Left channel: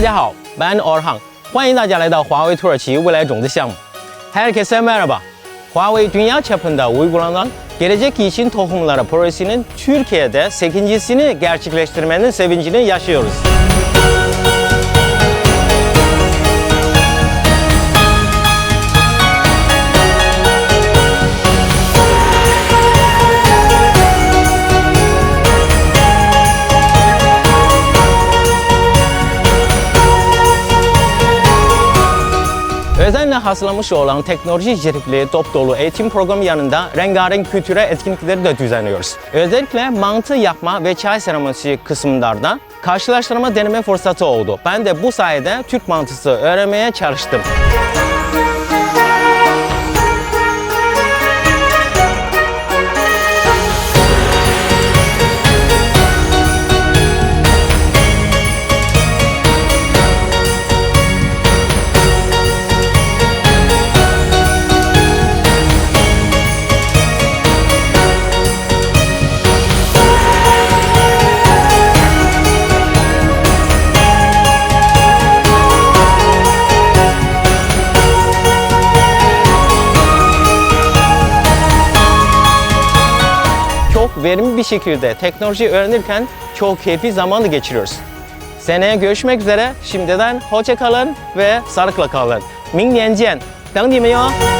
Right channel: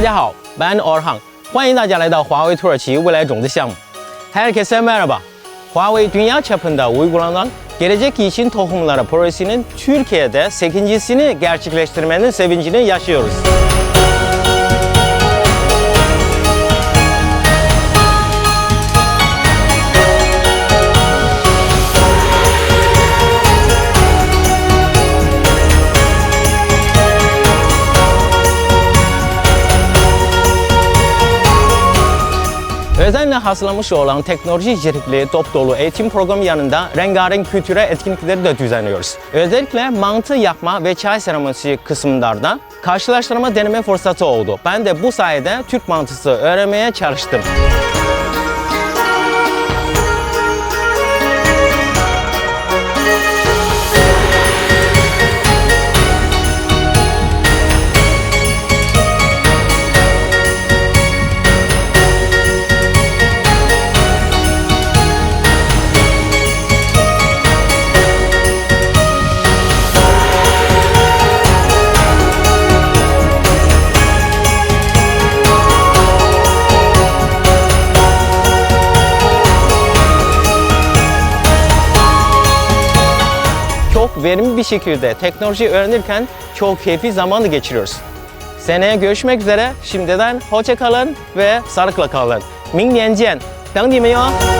家好，ben Orhan，欢迎大家来到华为土耳其未来种子项目。Herkese merhaba. Huawei dünya çapında uygulanan gelecek için tohumları projesinin Türkiye'de 8.sini gerçekleştirmenin sevincini yaşıyoruz. Özenle hazırlamış olan teknoloji içerikli top dolu eğitim programı yanında rengarenk kültüre etkinlikleri de düzenliyoruz. Özellikle mantı yapma ve çay seremonisi kısımlarda karşılaştırma deneme fırsatı oldu. Ben de bu sayede Türk mantısı öğrenmeye çalıştım. Çok verimli bir şekilde teknoloji öğrenirken çok keyifli zamanı geçiriyoruz. Seneye görüşmek üzere. Şimdiden hoşça kalın ve sağlıkla kalın. 明年见，等你们哟。